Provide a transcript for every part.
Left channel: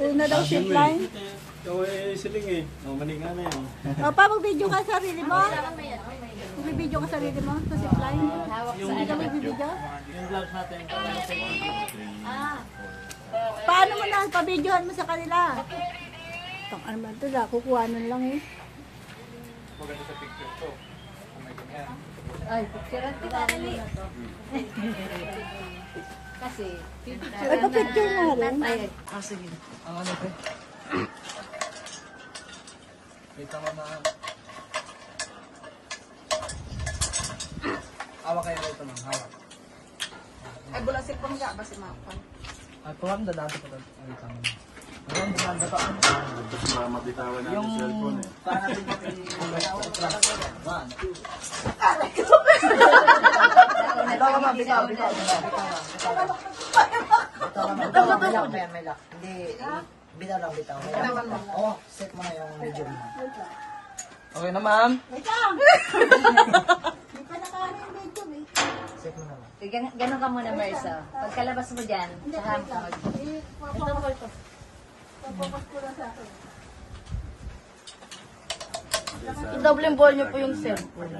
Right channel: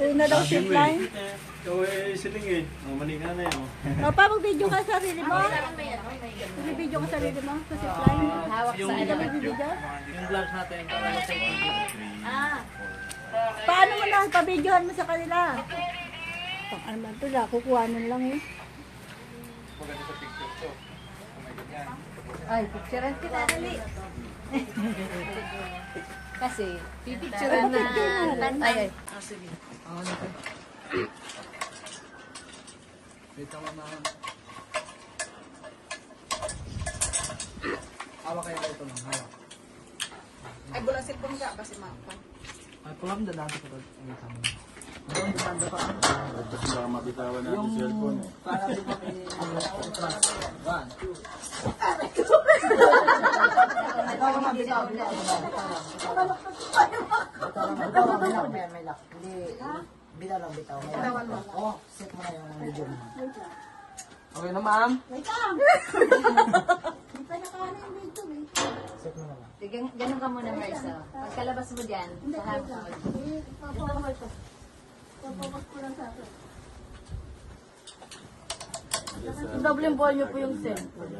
Una daw zip line. Ikaw eh, siling eh. Maling na yun. Papa, mag-video ka sa sarili mo? Mag-video ka sa sarili mo sa zip line? Hindi ka mag-video? Yung vlog natin. Paano mo na? Pa-videohan mo sa kanila. Tang ano man ito, kukuhanan lang eh. Maganda sa picture ko. Ay, picturean kita dali. Kasi, pipicturean Ay, pa-picture na rin. Ay, Sige. Ang ano ko? May tama na. Hawak kayo ito ng hawak. Ay, bulang sipon ka ba si Mapang? At pulang dadaan ko ito. Ay, tama. Ang bumanda pa. Para mabitawan natin yung cellphone eh. Para natin mag-atras. 1, 2. Bitaw ka bitaw. Hindi, bitaw lang bitaw. Oh, set mo na yung video mo. Okay na ma'am? Wait lang! Hindi pa nakahanap na ito eh. Set mo na ma'am. ganun ka muna, Marisa. Pagkalabas mo dyan, saka mo tawag. Papakas ko ito. Papakas ko na sa akin. I-double ball niyo po yung cellphone.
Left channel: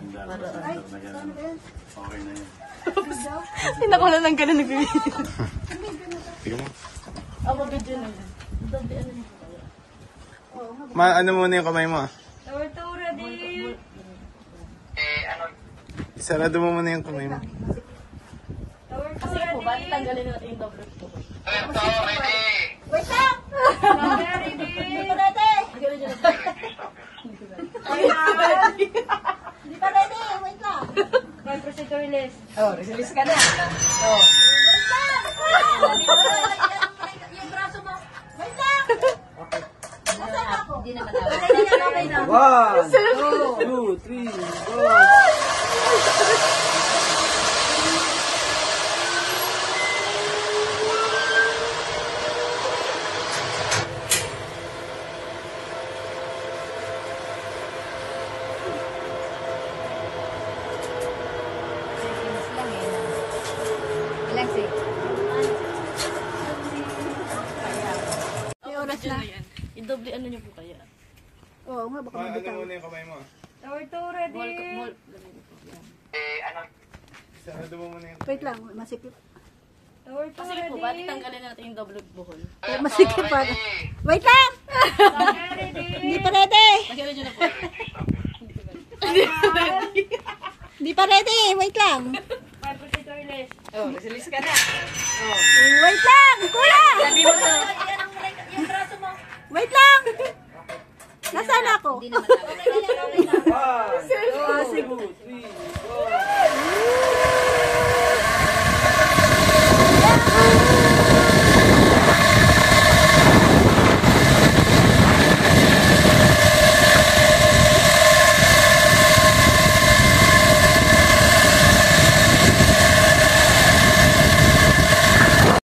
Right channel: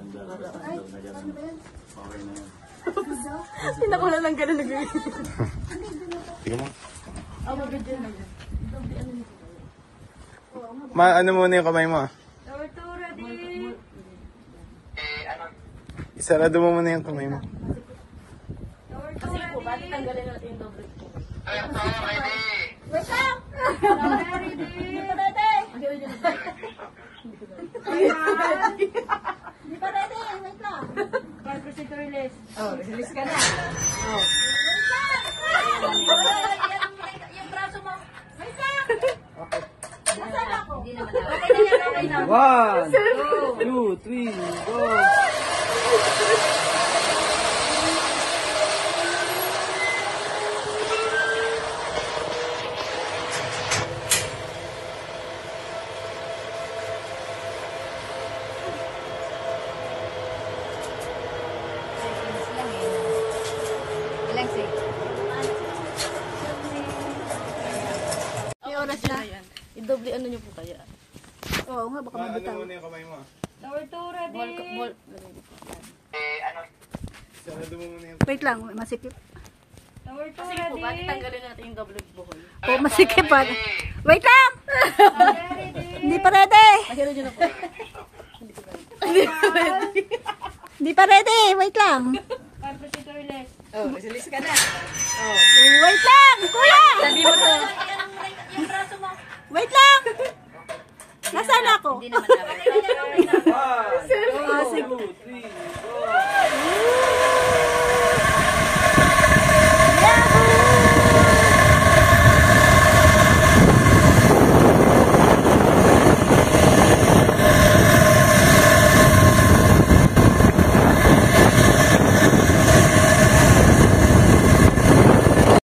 Ay, ano ba yan? Okay na yun. Hindi ko na nang ganun nag-video. Ano muna yung kamay mo? Ready? Isarado mo muna yung kamay mo. Kasi po ba, tanggalin natin yung double po. Wait lang! Ready? Hindi pa ready! Hindi pa ready! Wait lang! Procedure list. Oh, release ka na. Wait lang! Yung braso mo. Wait lang! Nasaan ako? Hindi naman ako. 1, 2, 3, go! Seconds lang eh. Ilang seconds? May oras na. I-double ano niyo po kaya? Oo nga, baka mabitaw. Ano muna yung kamay mo? Tower 2, ready? Isarado mo muna yung... Wait lang, masikip. Tower 2, Kasi po, ba't tanggalin natin yung double buhol? Oo, masikip pa. Wait lang! ready? Hindi pa ready! Magkano dyan na po? Hindi pa ready! Wait lang! 5 procedure list. Oh, release ka na. Wait lang! Kuya!